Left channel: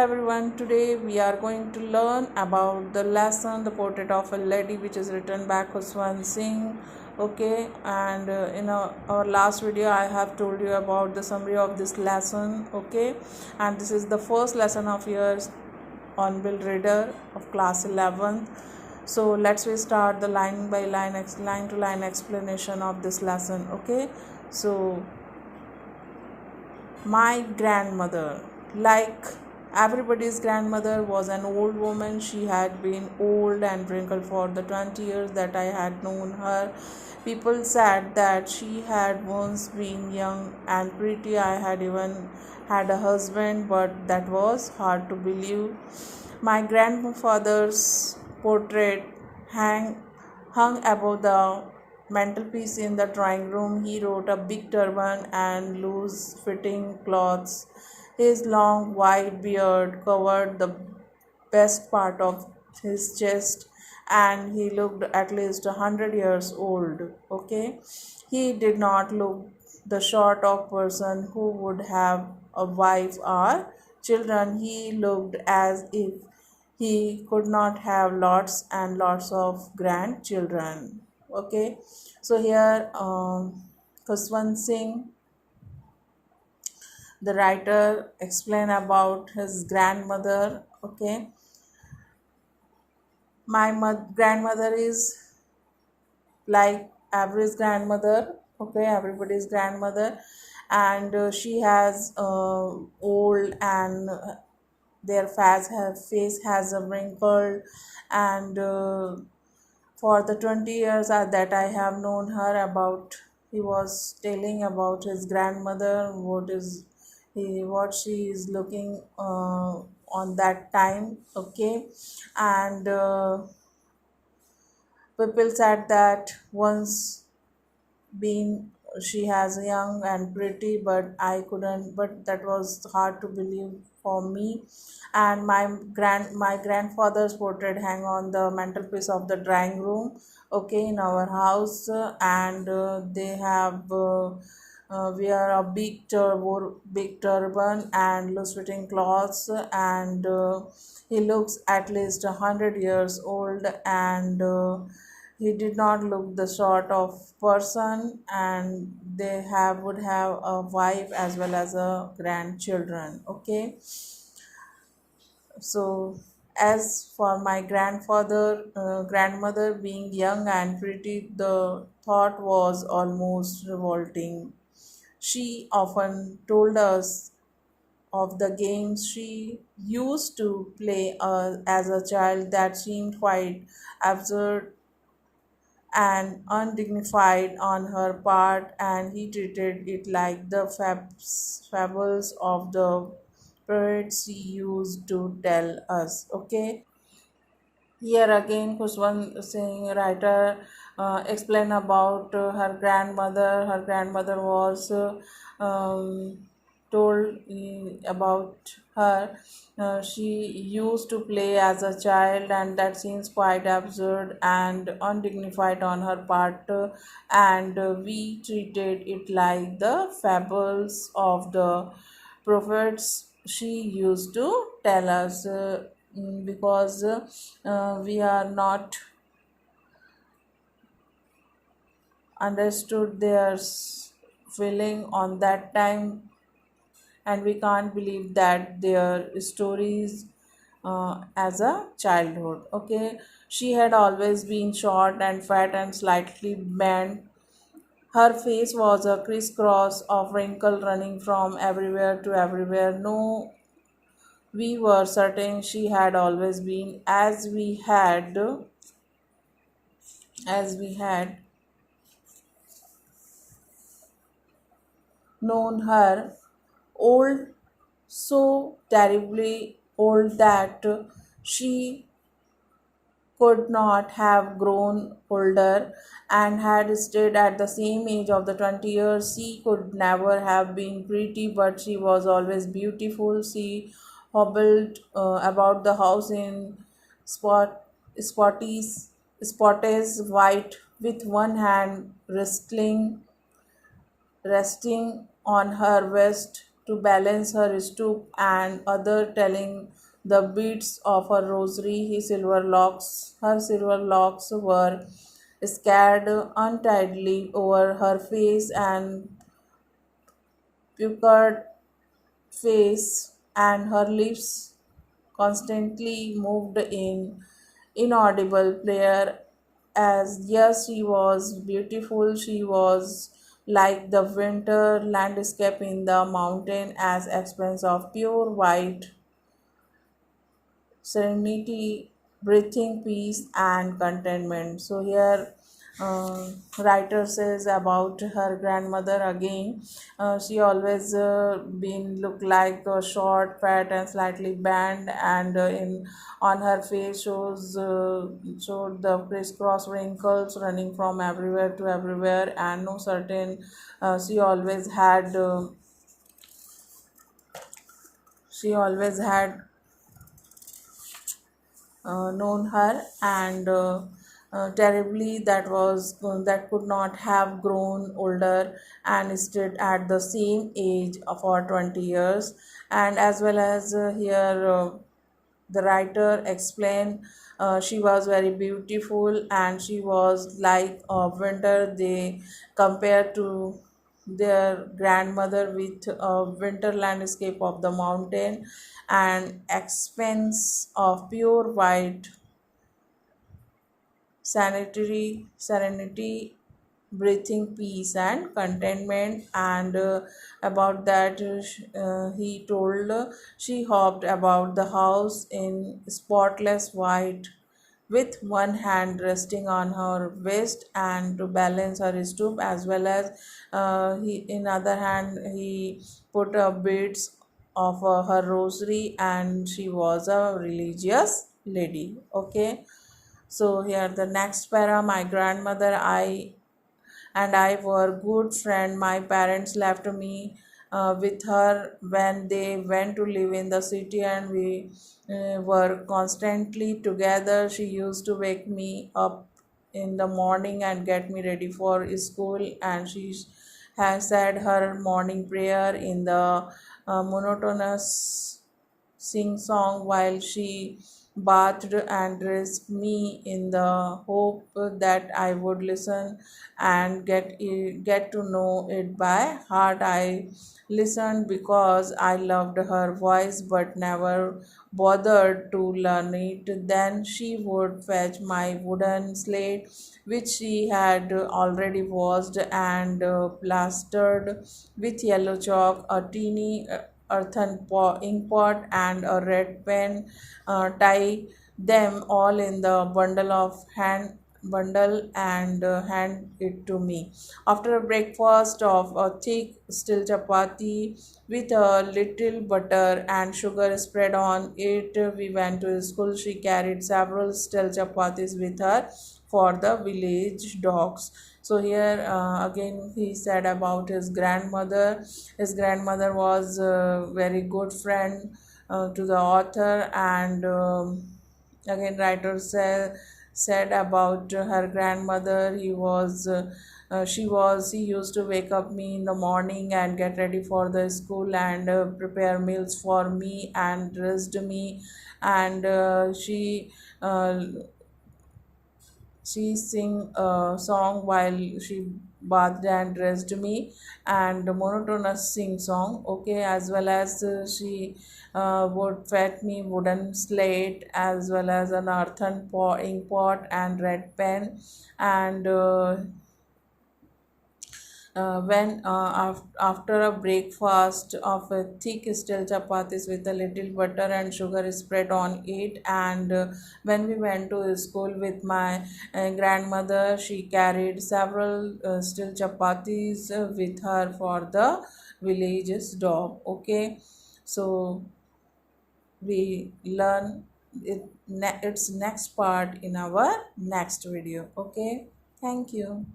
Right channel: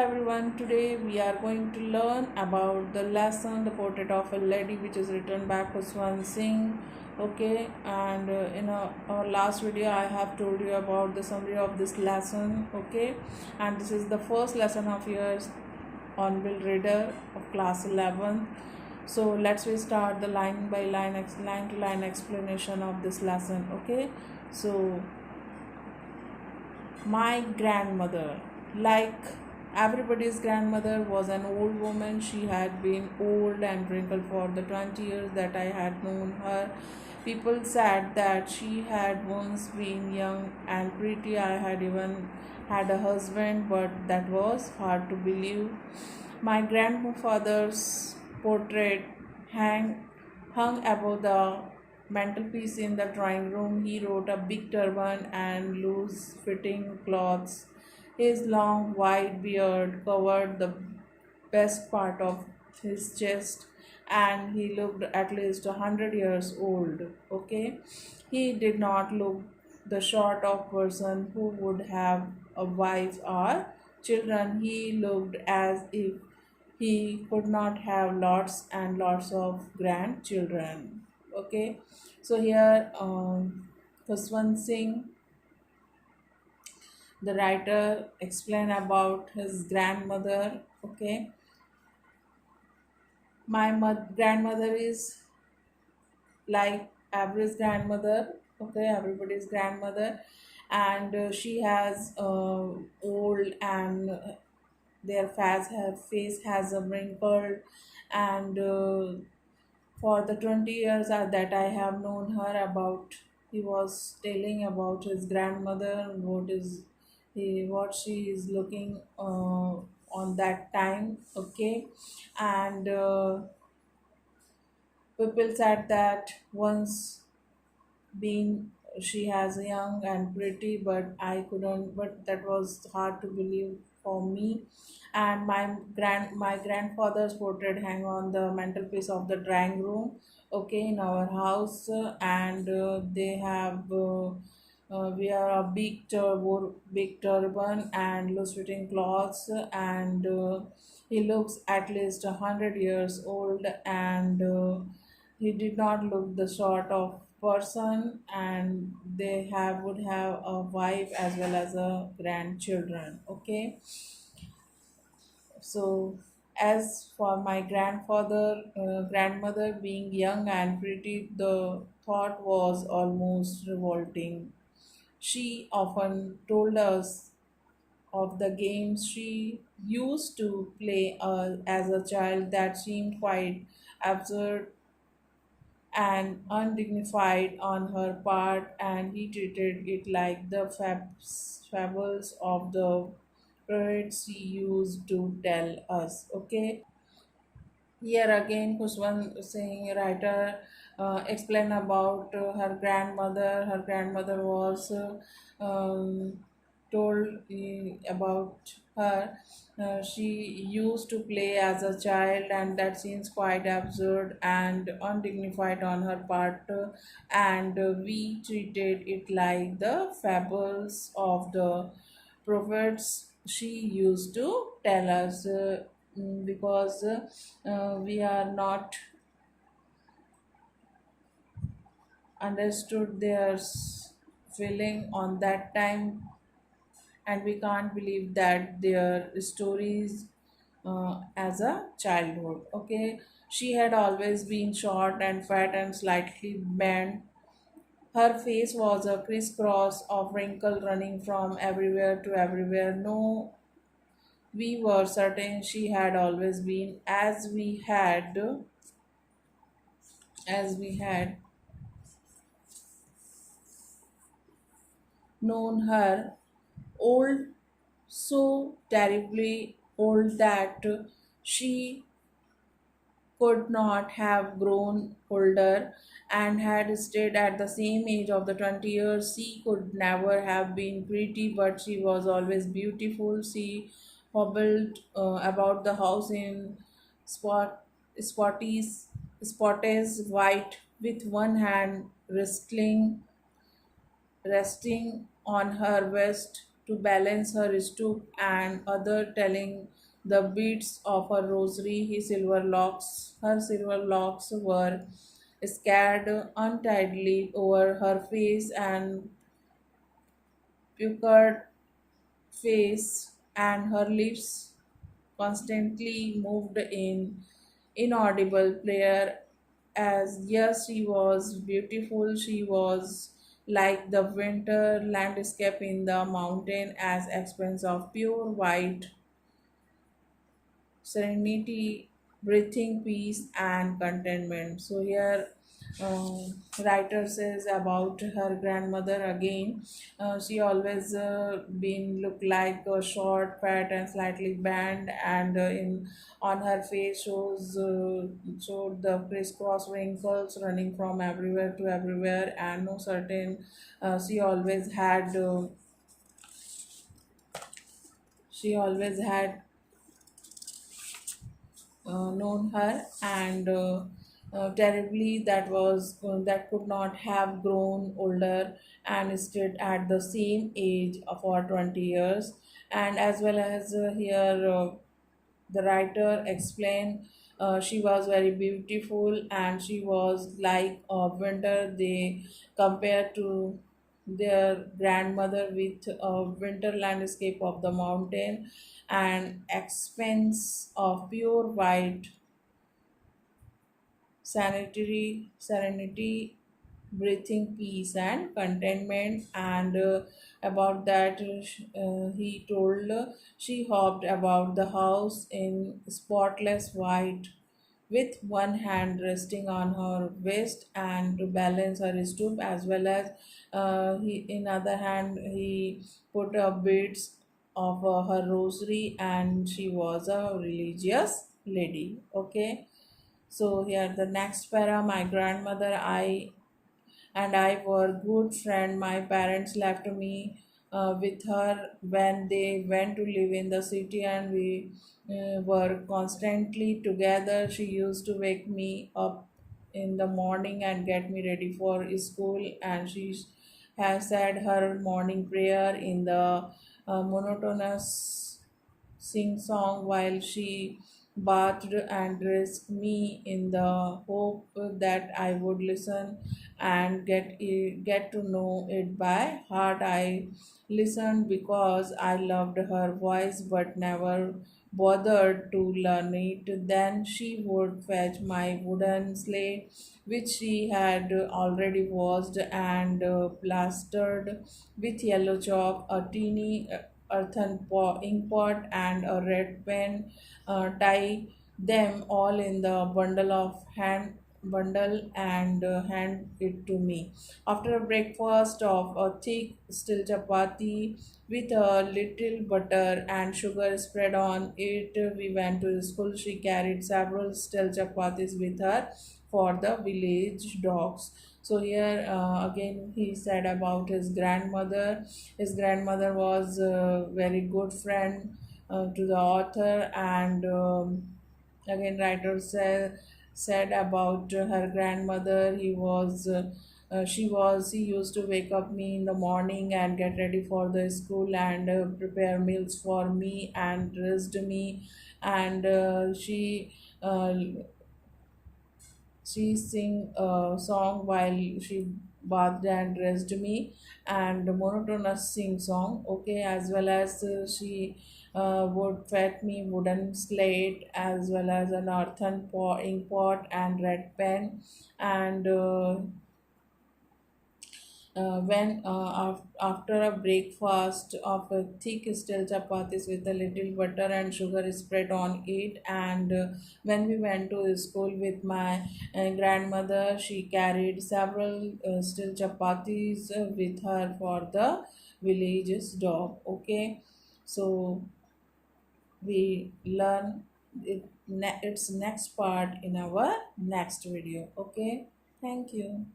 everyone, today we are going to learn about the lesson The Portrait of a Lady, which is written by Khuswan Singh. Okay, and in our last video I have told you about the summary of this lesson. Okay, and this is the first lesson of yours on Bill Reader of class 11th. So let's we start the line by line, line to line explanation of this lesson. Okay, so my grandmother, like everybody's grandmother, was an old woman. She had been old and wrinkled for the 20 years that I had known her. People said that she had once been young and pretty. I had even had a husband, but that was hard to believe. My grandfather's portrait hang, hung above the mantelpiece in the drawing room. He wore a big turban and loose fitting clothes. His long white beard covered the best part of his chest, and he looked at least 100 years old. Okay, he did not look the sort of person who would have a wife or children. He looked as if he could not have lots and lots of grandchildren. Okay, so here Khuswan Singh, the writer, explain about his grandmother. Okay, my grandmother is like average grandmother. Okay, everybody's grandmother, and she has old and their face has a wrinkled, and for the 20 years that I have known her about, he was telling about his grandmother, what she is looking on that time. Okay, and people said that once being she has young and pretty, but I couldn't, but that was hard to believe for me. And my grandfather's portrait hang on the mantelpiece of the drawing room, okay, in our house. And they have wear a big turban and loose fitting clothes, and he looks at least 100 years old, and he did not look the sort of person, and they would have a wife as well as a grandchildren. Okay, so as for my grandmother being young and pretty, the thought was almost revolting. She often told us of the games she used to play as a child that seemed quite absurd and undignified on her part, and he treated it like the fables of the poets he used to tell us. Okay, here again Khuswan Singh, writer, explain about her grandmother. Her grandmother was told about her. She used to play as a child, and that seems quite absurd and undignified on her part. And we treated it like the fables of the prophets she used to tell us. Because we are not understood their feeling on that time, and we can't believe that their stories as a childhood. Okay, she had always been short and fat and slightly bent. Her face was a crisscross of wrinkle running from everywhere to everywhere. No, we were certain she had always been, as we had known her, old, so terribly old that she could not have grown older and had stayed at the same age of the 20 years. She could never have been pretty, but she was always beautiful. She hobbled about the house in spot, spotties, spotties white, with one hand resting on her waist to balance her stoop, and other telling the beats of her rosary. Her silver locks were scattered untidily over her face, and puckered face, and her lips constantly moved in inaudible prayer. As yes, she was beautiful, she was like the winter landscape in the mountain, as expanse of pure white serenity, breathing peace and contentment. So here, writer says about her grandmother again. She always been look like short, fat, and slightly bent, and in on her face showed the crisscross wrinkles running from everywhere to everywhere, and no certain. She always had. She always had known her, and terribly that could not have grown older and stayed at the same age for 20 years. And as well as here, the writer explained, she was very beautiful, and she was like a winter. They compared to their grandmother with a winter landscape of the mountain and expanse of pure white serenity, breathing peace and contentment. And about that, he told, she hopped about the house in spotless white, with one hand resting on her waist and to balance her stoop, as well as he in other hand he put beads of her rosary, and she was a religious lady. Okay, so here the next para, my grandmother I were good friend. My parents left me with her when they went to live in the city, and we were constantly together. She used to wake me up in the morning and get me ready for school, and she has said her morning prayer in the monotonous sing song while she bathed and dressed me, in the hope that I would listen and get to know it by heart. I listened because I loved her voice but never bothered to learn it. Then she would fetch my wooden slate, which she had already washed and plastered with yellow chalk, a teeny ink pot, and a red pen, tie them all in the bundle and hand it to me. After a breakfast of a thick still chapati with a little butter and sugar spread on it, we went to school. She carried several still chapatis with her for the village dogs. So here, again he said about his grandmother. His grandmother was a very good friend to the author. And again writer said about her grandmother, he used to wake up me in the morning and get ready for the school, and prepare meals for me and dressed me. And uh, she sing a song while she bathed and dressed me, and monotonous sing song. Okay, as well as she would fetch me wooden slate, as well as an earthen ink pot and red pen. And after a breakfast of a thick stale chapatis with a little butter and sugar spread on it. And when we went to school with my grandmother, she carried several stale chapatis with her for the village's dog. Okay, so we learn its next part in our next video. Okay, thank you.